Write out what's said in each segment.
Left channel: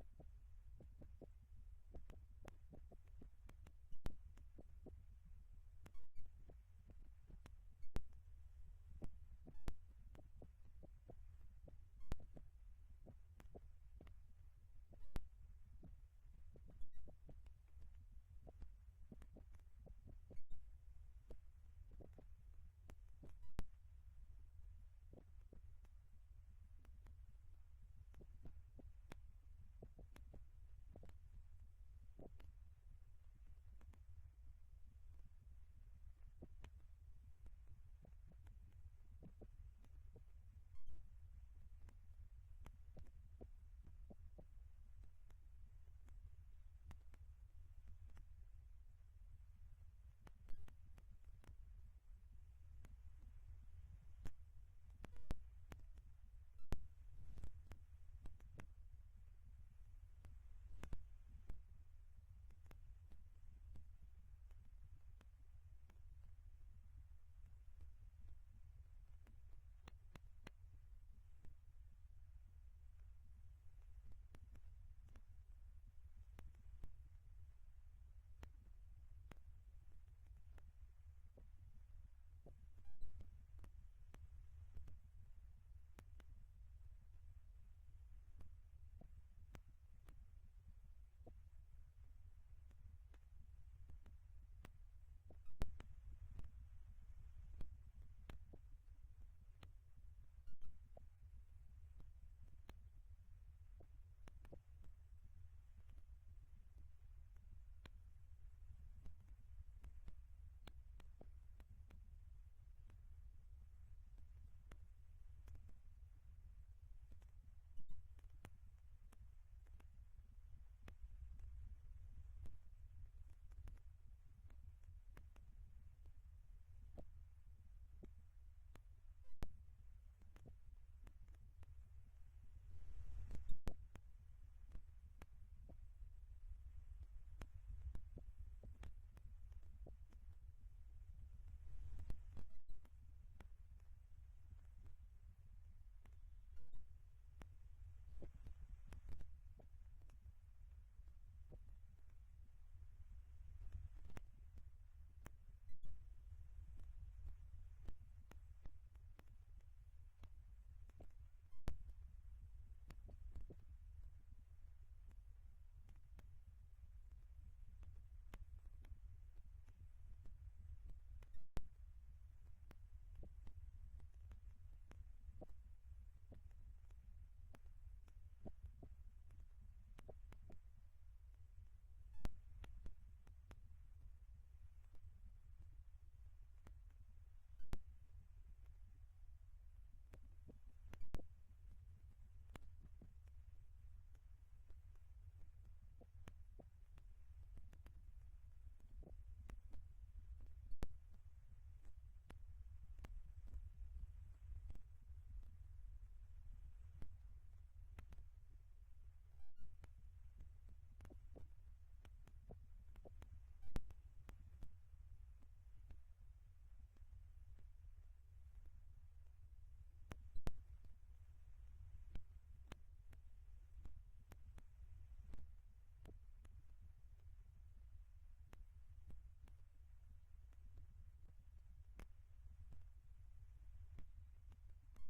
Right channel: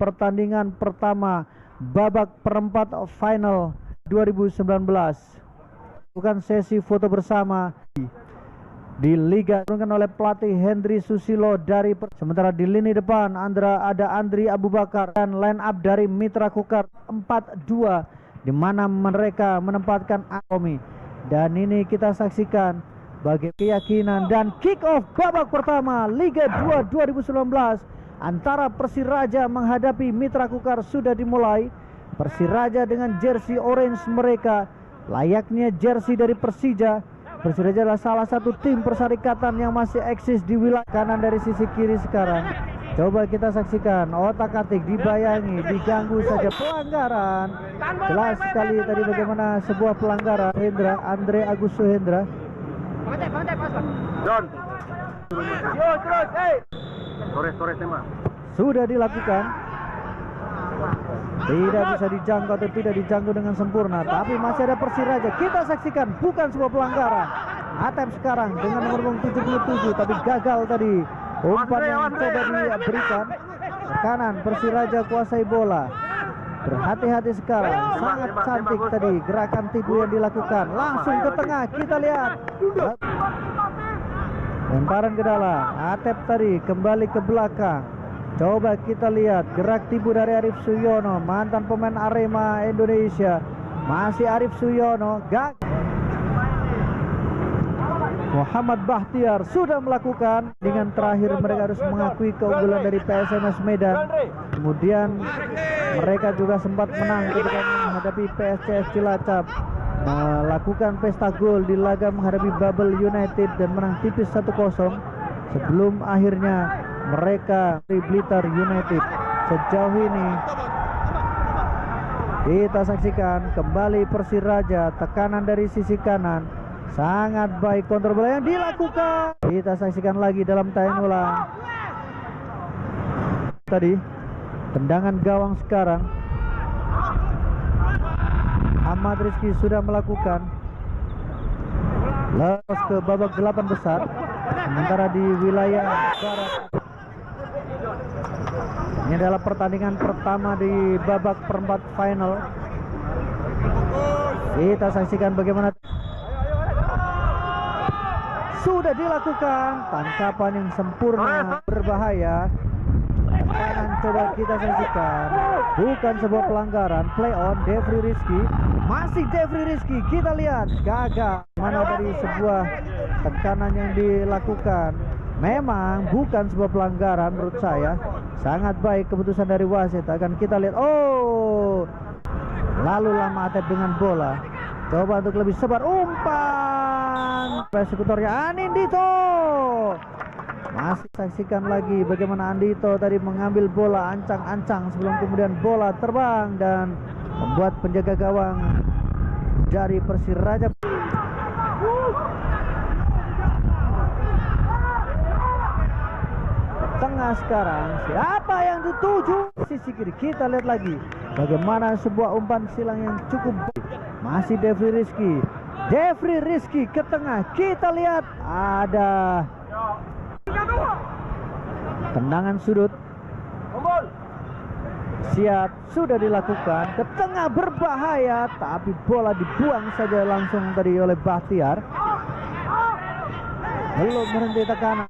pertandingan pertama babak perempat final 2019. Bukan sesi foto bersama di Liga diturunkan oleh pelatih Hendry Susilo dari sementara di lini depan ada Andri Abu Bakar dan line up dari Mitra Kukar 4-2 di mana mereka menempatkan Akomi. Dan ini kita saksikan bagi keyakinan dan kick off babak pertama Liga 2 2019 antara Persiraja menghadapi Mitra Kukar sudah dimulai. Persiraja dengan jersey orange mereka layaknya jersey dari Persija. Persiraja adalah salah satu tim perserikatan yang masih eksis di wilayah kanan dari sisi kiri sekarang. Coba kita saksikan otak-atik dibayangi, diganggu saja pelanggaran. Jelas sekali tadi bagaimana sebuah pelanggaran. Andre Agus Suhendra. John. Yo terus, Sore tema. Sudah dilakukan. Tidak bisa dijangkau atau tidak dijangkau dengan sempurna, tapi masih ada Persiraja. Kita saksikan bukan sebuah pelanggaran. Atep sekarang dengan nomor 77 tapi gagal tadi. Umpan yang coba diberikan ke kanan, Persiraja kuasai bola. Berhati-hati sekarang, sangat cantik tadi gerakan tipu yang dilakukan. Langsung ke tengah, kita lihat. Lemparan ke dalam, Atep tadi kembali ke belakang. Coba kita lihat gerak tipu dari Arif Suyono, mantan pemain Arema Indonesia. Masih Arif Suyono, Muhammad Bahtiar sudah melakukan. Dengan terakhir mereka harus mengakui keunggulan dari PSMS Medan. Kemudian mereka juga sempat menang ketika menghadapi PSCS Cilacap, melakukan pesta gol di laga menghadapi Babel United dan menang tipis 1-0 sebelum akhirnya mereka di Blitar United. Sejauh ini kita saksikan kembali Persiraja, tekanan dari sisi kanan sangat baik, kontrol bola yang dilakukan. Kita saksikan lagi dalam tayang ulang. Tadi tendangan gawang sekarang. Ahmad Rizky sudah melakukan lolos ke babak 8 besar. Sementara di wilayah barat ini adalah pertandingan pertama di babak perempat final. Kita saksikan bagaimana sudah dilakukan tangkapan yang sempurna, berbahaya. Tekanan coba kita saksikan, bukan sebuah pelanggaran. Play on Devri Rizky, masih Devri Rizky, kita lihat gagal. Mana dari sebuah tekanan yang dilakukan, memang bukan sebuah pelanggaran menurut saya. Sangat baik keputusan dari wasit. Akan kita lihat, lalu lama Atep dengan bola. Coba untuk lebih sebar, umpan persekutornya Anindito. Masih saksikan lagi bagaimana Andito tadi mengambil bola ancang-ancang sebelum kemudian bola terbang dan membuat penjaga gawang dari Persiraja. Tengah sekarang, siapa yang dituju sisi kiri? Kita lihat lagi bagaimana sebuah umpan silang yang cukup baik. Masih Devri Rizky ke tengah. Kita lihat ada tendangan sudut. Siap, sudah dilakukan ke tengah, berbahaya, tapi bola dibuang saja langsung tadi oleh Bahtiar. Belum berhenti tekanan.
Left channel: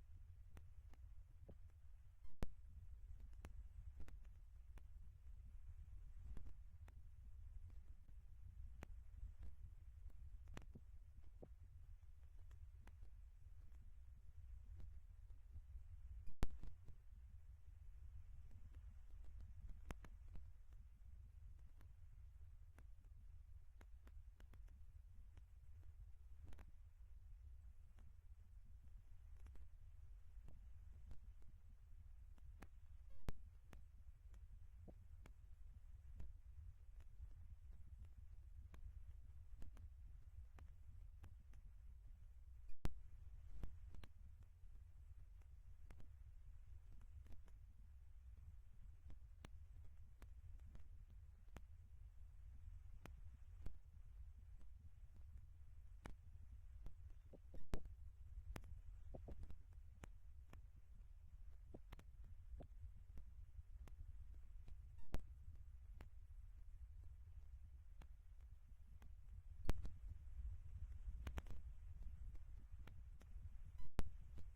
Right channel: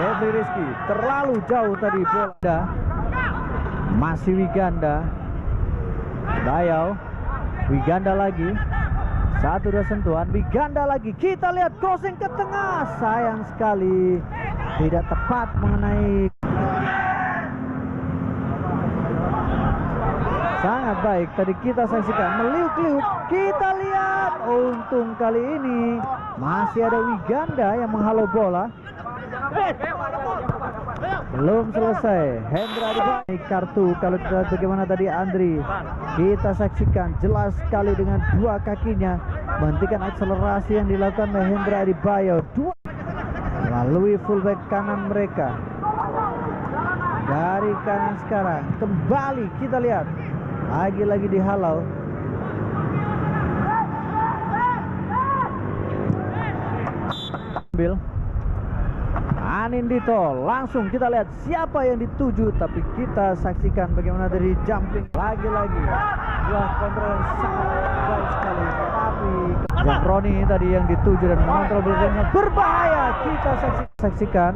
Devri Rizky terlalu jauh tadi bola. Masih Wiganda. Dayau. Wiganda lagi. 1-2 sentuhan. Wiganda lagi. Kita lihat crossing ke tengah. Sayang sekali tidak tepat mengenai. Sangat baik tadi kita saksikan, meliuk-liuk. Kita lihat, untung kali ini masih ada Wiganda yang menghalau bola. Belum selesai. Hendra Adi kartu. Kalau kita bagaimana tadi Andri, kita saksikan jelas sekali dengan dua kakinya menghentikan akselerasi yang dilakukan oleh Hendra Adi Bayo. Melalui fullback kanan mereka. Dari kanan sekarang kembali kita lihat lagi-lagi dihalau. Bil Anindito, langsung kita lihat siapa yang dituju, tapi kita saksikan bagaimana dari jumping lagi-lagi buah kontrol yang sangat baik sekali, tapi Roni tadi yang dituju dan mengontrol belakangnya berbahaya. Kita saksikan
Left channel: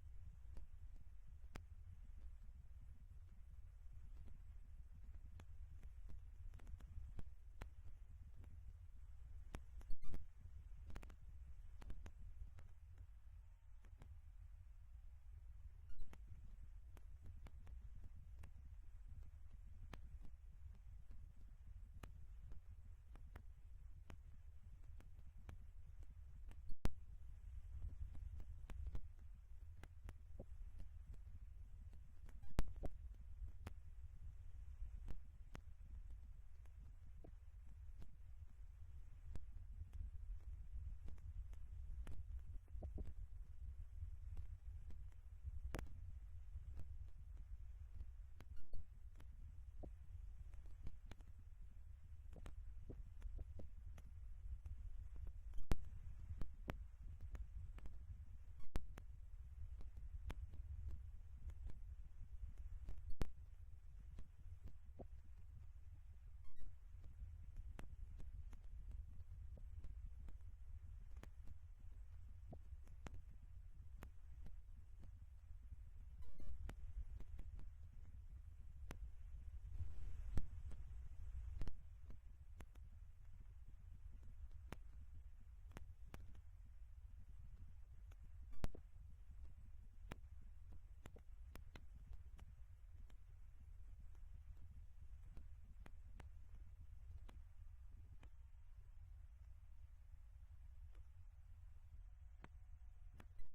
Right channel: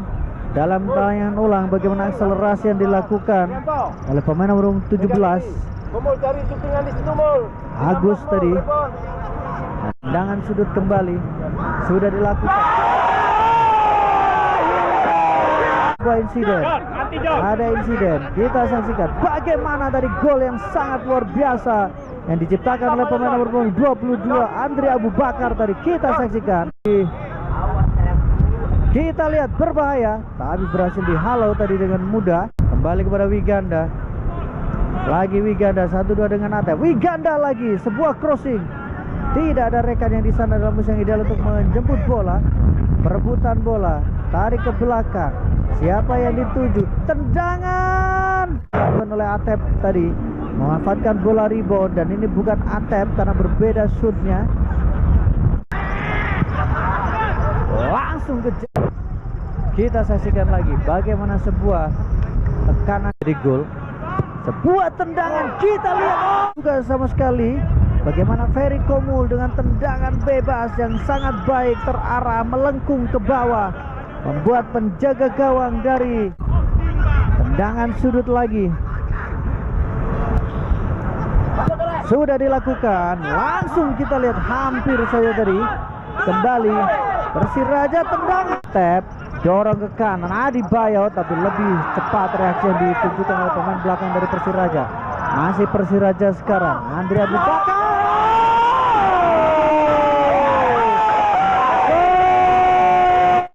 dalam tayangan ulang bagaimana akselerasi yang dilakukan oleh pemain nomor 17 Agus tadi. Tendangan sudut kembali sudah dilakukan. Ada insiden. Kita saksikan bagaimana dari gol yang sangat luar biasa yang diciptakan oleh pemain nomor 22 Andri Abu Bakar tadi. Kita saksikan. Kita lihat berbahaya, tapi berhasil dihalau tadi dengan mudah. Kembali kepada Wiganda. Lagi Wiganda 1-2 dengan Atep. Wiganda lagi sebuah crossing. Tidak ada rekan yang di sana dalam posisi yang ideal untuk menjemput bola. Perebutan bola, tarik ke belakang. Siapa yang dituju? Tendangan dilakukan oleh Atep tadi, memanfaatkan bola rebound, dan ini bukan Atep karena berbeda shootnya. Langsung ke kita saksikan lagi bagaimana sebuah tekanan di gol. Sebuah tendangan kita lihat juga sama sekali bagaimana Ferry Komul dengan tendangan bebas yang sangat baik terarah melengkung ke bawah, membuat penjaga gawang dari tendangan sudut lagi. Sudah dilakukan, langsung kita lihat hampir saja tadi. Kembali Persiraja tendangan tap, dorong ke kanan Adi Bayo, tapi lebih cepat reaksi yang ditunjukkan oleh pemain belakang dari Persiraja. Masih Persiraja sekarang, Andri Abu Bakar.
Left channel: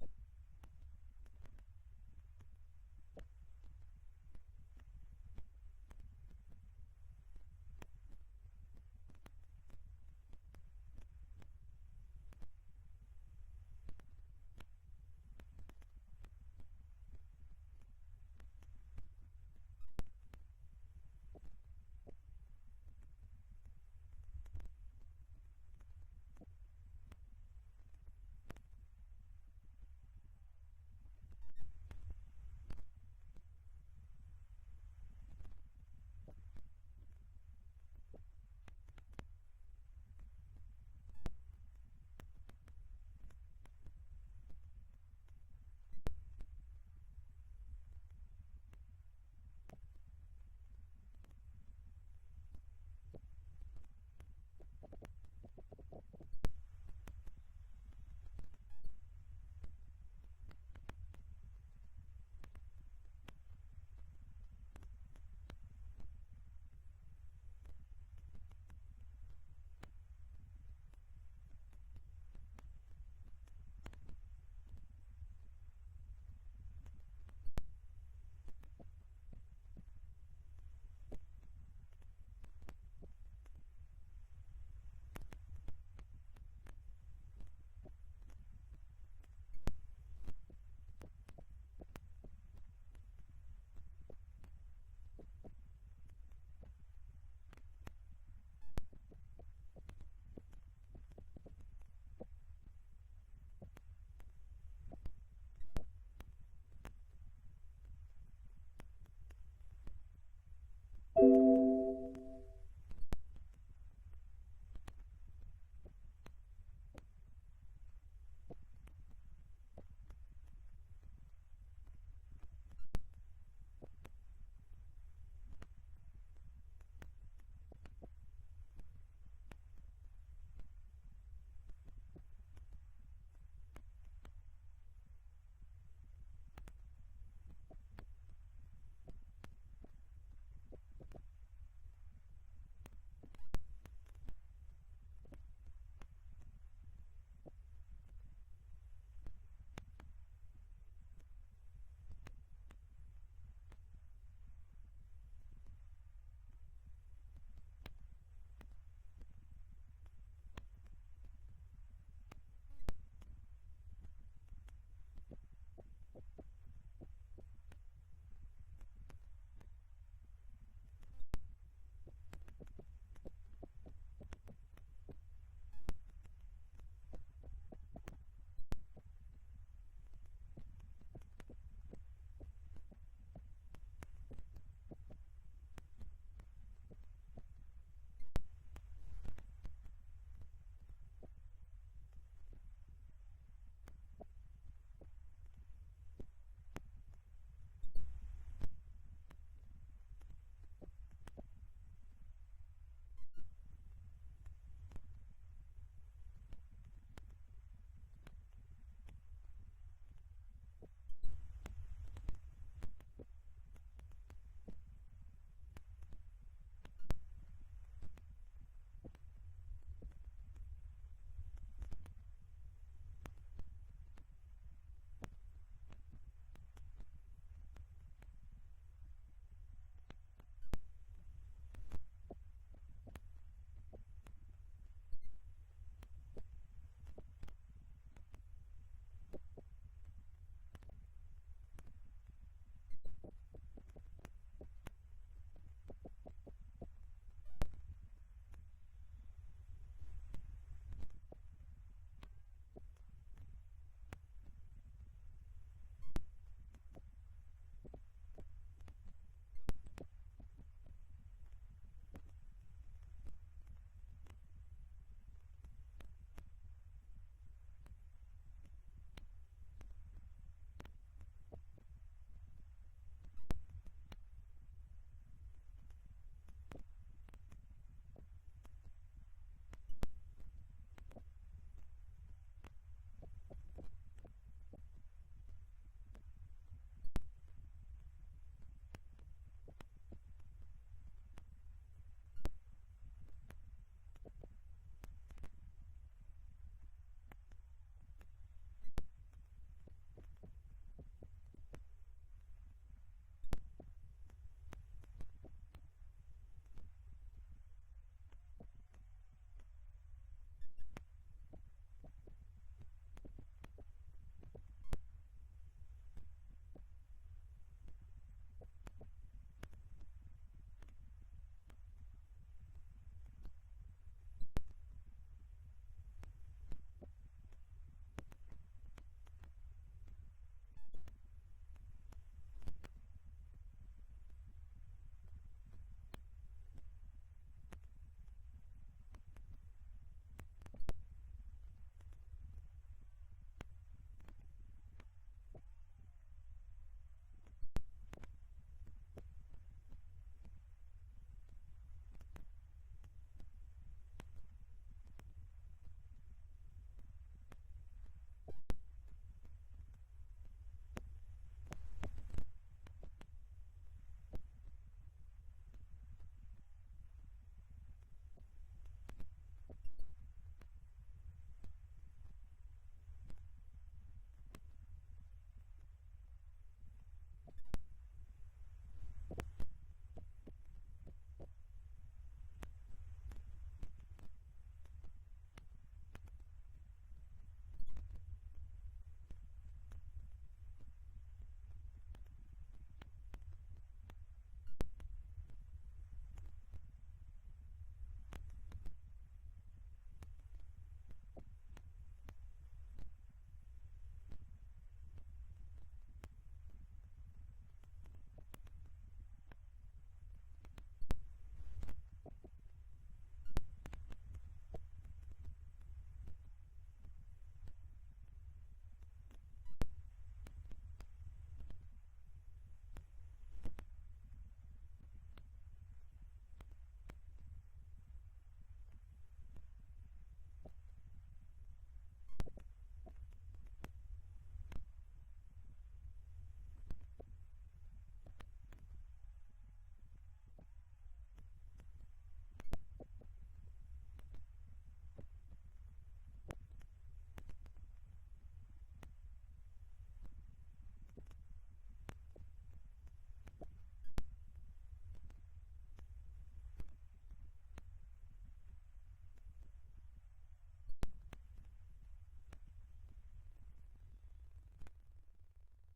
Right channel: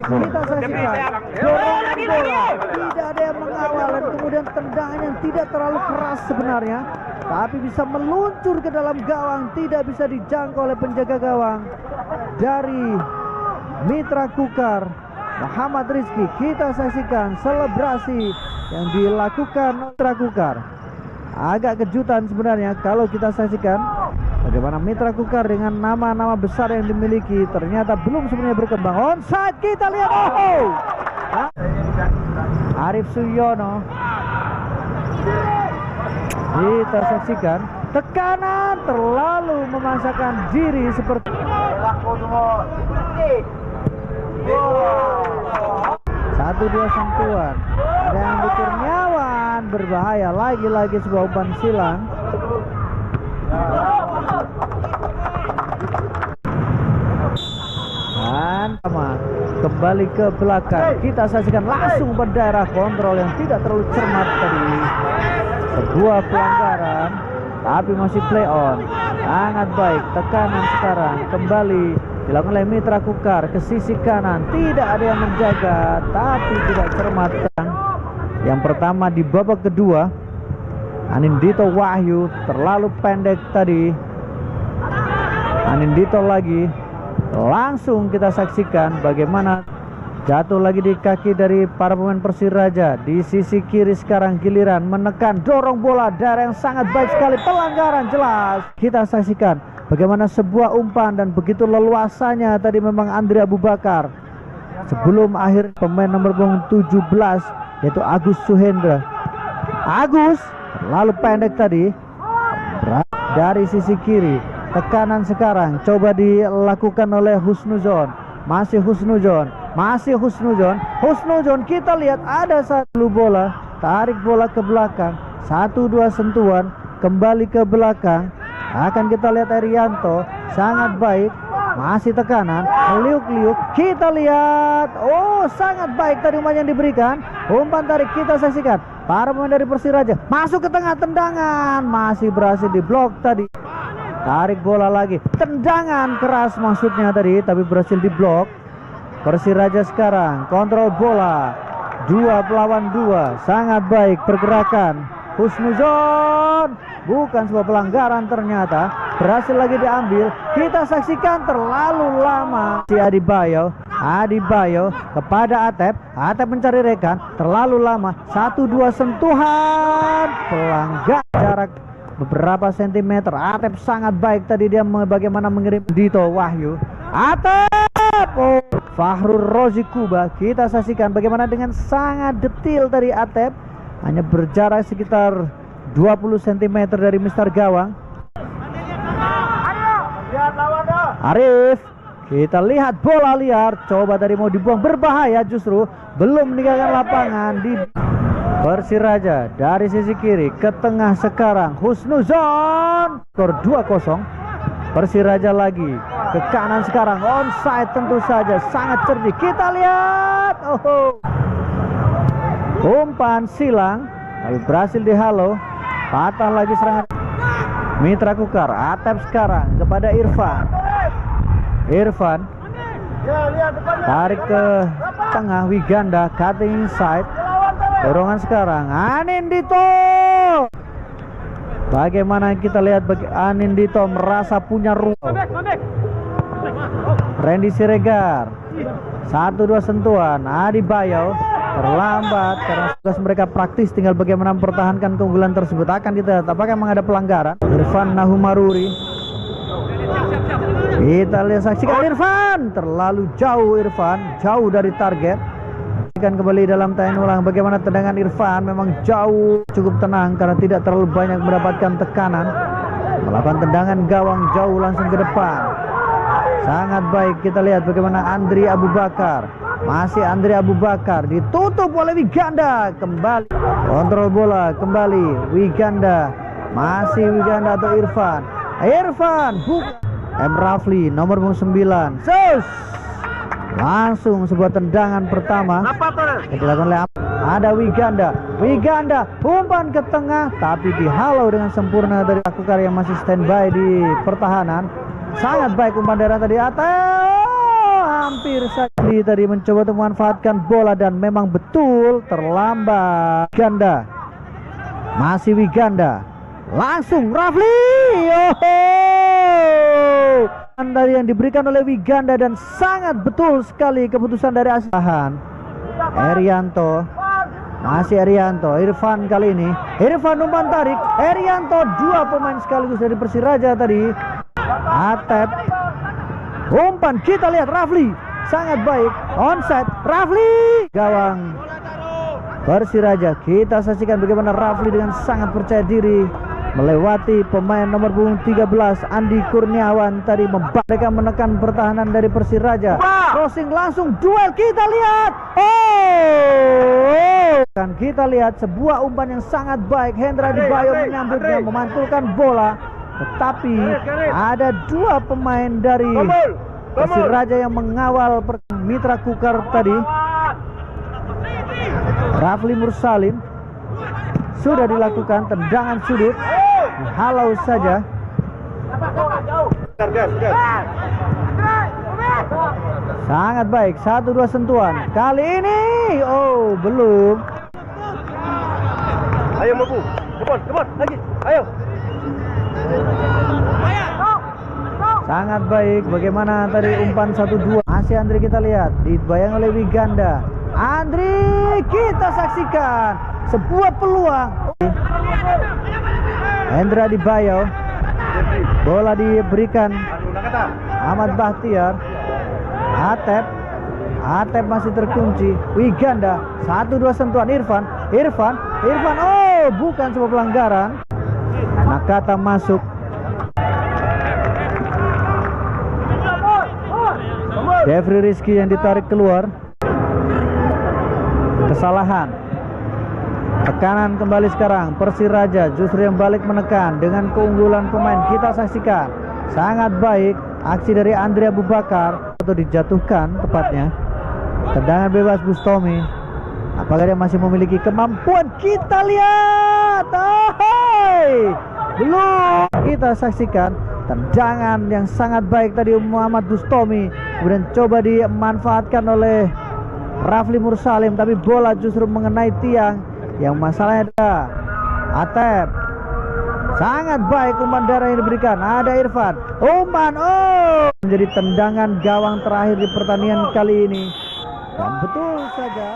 Kita saksikan dorongan bola, tidak ada yang mengawal, dan kemudian tendangan yang tidak terlalu keras sebenarnya, tapi bisa meluncur ke dalam gawang, tidak bisa dijangkau oleh penjaga gawang dari Mitra Kukar, Muhammad Rizky. Kita saksikan selebrasi yang dilakukan Mitra Kukar. Agak kejutan sebenarnya kalau kita saksikan bagaimana Mitra Kukar dengan nama-nama besar yang dimiliki ternyata belum sebenarnya berkembang. Onside kita lihat, Arif Suyono. Kita saksikan tekanan terlalu memaksakan diri seperti 1-2 sentuhan. Ada yang di Kurniawan, berbahaya lagi-lagi sebuah umpan silang. Dan kembali ke belakang. Kita saksikan langsung berdaerah kontrol yang tidak terlalu cermat tadi. Sebuah pelanggaran, tapi masih play on. Sangat baik. Tekanan sekarang kembali dilakukan oleh Mitra Kukar ke sisi kanan. Tidak ada yang menjaga, tapi tidak cermat. Yang pertama di babak kedua, Anindito Wahyu terlalu pendek tadi. Anindito lagi. Langsung kita saksikan bagaimana jatuh lagi di kaki dari para pemain Persiraja. Di sisi kiri sekarang giliran menekan, dorong bola, daerah yang sangat baik sekali, pelanggaran jelas. Kita saksikan bagaimana sebuah umpan dan begitu leluasanya tadi memang Andri Abu Bakar. Sebelum akhir pemain nomor 17 yaitu Agus Suhendra. Agus terlalu pendek tadi dari sisi kiri. Tekanan sekarang coba dilakukan oleh Husnuzon. Masih Husnuzon. Husnuzon kita lihat ada satu bola, tarik bola ke belakang, 1-2 sentuhan, kembali ke belakang. Akan kita lihat Erianto, sangat baik. Masih tekanan, liuk-liuk. Kita lihat, sangat baik tadi umpan yang diberikan. Umpan tarik kita saksikan. Para pemain dari Persiraja masuk ke tengah, tendangan masih berhasil diblok tadi. Tarik bola lagi, tendangan keras maksudnya tadi, tapi berhasil diblok. Persiraja sekarang kontrol bola, 2 lawan 2, sangat baik pergerakan. Husnuzon, bukan sebuah pelanggaran ternyata, berhasil lagi diambil. Kita saksikan terlalu lama. Si Adi Bayo kepada Atep mencari rekan, terlalu lama. 1-2 sentuhan, pelanggar jarak beberapa sentimeter. Atep sangat baik tadi, dia bagaimana mengirim Dito Wahyu. Atep Oh, Fahrul Rozi Kuba. Kita saksikan bagaimana dengan sangat detil dari Atep, hanya berjarak sekitar 20 cm dari Mister Gawang. Arif, kita lihat bola liar, coba tadi mau dibuang, berbahaya, justru belum meninggalkan lapangan. Di Persiraja dari sisi kiri ke tengah sekarang Husnuzon, skor 2-0. Persiraja lagi ke kanan sekarang, onside tentu saja, sangat cerdik. Kita lihat, umpan silang tapi berhasil dihalau. Patah lagi serangan Mitra Kukar. Atep sekarang kepada Irfan. Irfan tarik ke tengah, Wiganda cutting inside. Dorongan sekarang Anindito. Bagaimana kita lihat Anindito merasa punya ruang. Randy Siregar, 1-2 sentuhan. Adi Bayo terlambat karena tugas mereka praktis, tinggal bagaimana mempertahankan keunggulan tersebut. Akan kita lihat apakah memang ada pelanggaran. Irfan Nahumaruri, kita lihat, saksikan Irfan, terlalu jauh. Irfan jauh dari target. Saksikan kembali dalam tayangan ulang bagaimana tendangan Irfan, memang jauh, cukup tenang karena tidak terlalu banyak mendapatkan tekanan. Melakukan tendangan gawang jauh langsung ke depan. Sangat baik. Kita lihat bagaimana Andri Abu Bakar. Masih Andri Abu Bakar, ditutup oleh Wiganda. Kembali kontrol bola, kembali Wiganda. Masih Wiganda atau Irfan. Irfan bukan M. Rafli nomor 9. Langsung sebuah tendangan pertama yang dilakukan oleh ada Wiganda. Wiganda umpan ke tengah tapi dihalau dengan sempurna dari Kukar yang masih standby di pertahanan. Sangat baik umpan daerah tadi. Hampir saja tadi mencoba untuk memanfaatkan bola dan memang betul terlambat. Wiganda, masih Wiganda, langsung Rafli. Dari yang diberikan oleh Wiganda dan sangat betul sekali keputusan dari Asahan. Erianto, masih Erianto. Irfan kali ini, Irfan umpan tarik. Erianto, 2 pemain sekaligus dari Persiraja tadi. Atep umpan, kita lihat Rafli sangat baik, onside. Rafli, gawang Persiraja. Kita saksikan bagaimana Rafli dengan sangat percaya diri melewati pemain nomor punggung 13 Andi Kurniawan tadi. Mereka menekan pertahanan dari Persiraja. Crossing langsung duel, kita lihat. Dan kita lihat sebuah umpan yang sangat baik. Hendra Dibayo menyambutnya, memantulkan bola. Tetapi ada 2 pemain dari Persiraja yang mengawal Mitra Kukar tadi. Rafli Mursalim sudah dilakukan tendangan sudut, dihalau saja. Sangat baik, 1-2 sentuhan. Kali ini belum. Ayo Mabu, kebon lagi, ayo. Sangat baik. Bagaimana tadi umpan 1-2. Masih Andri, kita lihat dibayang oleh Wiganda. Andri, kita saksikan sebuah peluang. Hendra Dibayo, bola diberikan Ahmad Bahtiar. Atep masih terkunci. Wiganda, 1-2 sentuhan. Irfan, bukan sebuah pelanggaran. Nakata masuk. Jeffrey Rizky yang ditarik keluar. Kesalahan. Tekanan kembali sekarang. Persiraja justru yang balik menekan dengan keunggulan pemain. Kita saksikan sangat baik aksi dari Andri Abu Bakar, atau dijatuhkan tepatnya. Tendangan bebas Bustomi. Apakah dia masih memiliki kemampuan? Kita lihat. Belum. Kita saksikan tendangan yang sangat baik tadi Muhammad Bustomi, kemudian coba dimanfaatkan oleh Rafli Mursalim, tapi bola justru mengenai tiang. Yang masalahnya ada Atep. Sangat baik umpan daerah yang diberikan. Ada Irfan, umpan menjadi tendangan gawang terakhir di pertandingan kali ini. Dan betul saja